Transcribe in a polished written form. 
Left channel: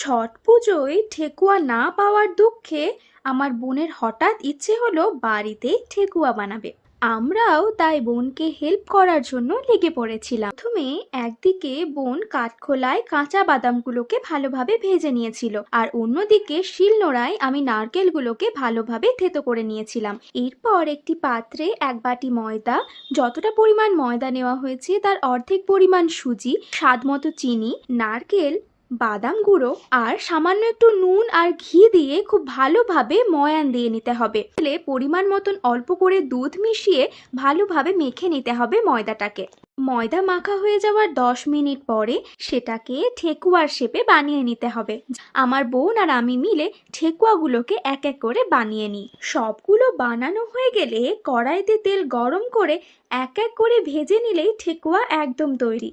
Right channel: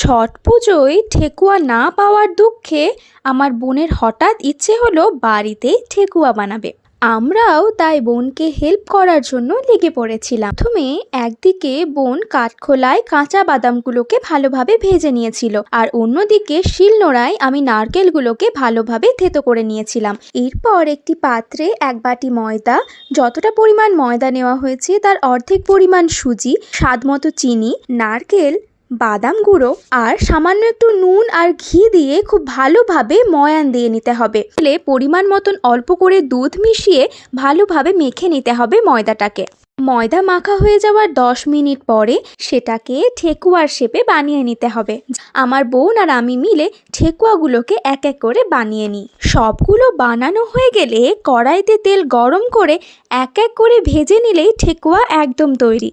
ছট পুজোয় ঠেকুয়া না পাওয়ার দুঃখে আমার বোনের হঠাৎ ইচ্ছে হলো বাড়িতে ঠেকুয়া বানাবে। আমরাও তাই বোনকে হেল্প করার জন্য লেগে পড়েছিলাম। প্রথমে একদিকে বোন কাঠখোলায় কাঁচা বাদামগুলোকে ভালোভাবে ভেজে নিয়েছিল, আর অন্যদিকে শিলনোড়ায় আমি নারকেলগুলোকে ভালোভাবে থেতো করে নিয়েছিলাম। এরপর একটি পাত্রে এক বাটি ময়দা, যতটা পরিমাণ ময়দা নেওয়া হয়েছে তার অর্ধেক পরিমাণ সুজি, স্বাদমতো চিনি, নারকেল, বাদাম গুঁড়ো আর সামান্য একটু নুন আর ঘি দিয়ে খুব ভালোভাবে ময়ান দিয়ে নিতে হবে। পরিমাণ মতন অল্প করে দুধ মিশিয়ে ভালোভাবে মেখে নিতে হবে ময়দাটাকে। ময়দা মাখা হয়ে যাওয়ার 10 মিনিট পরে সেটাকে ঠেকুয়ার শেপে বানিয়ে নিতে হবে। আমার বোন আর আমি মিলে ঠেকুয়াগুলোকে এক এক করে বানিয়ে নিই। সবগুলো বানানো হয়ে গেলে কড়াইতে তেল গরম করে এক এক করে ভেজে নিলেই ঠেকুয়া একদম তৈরি।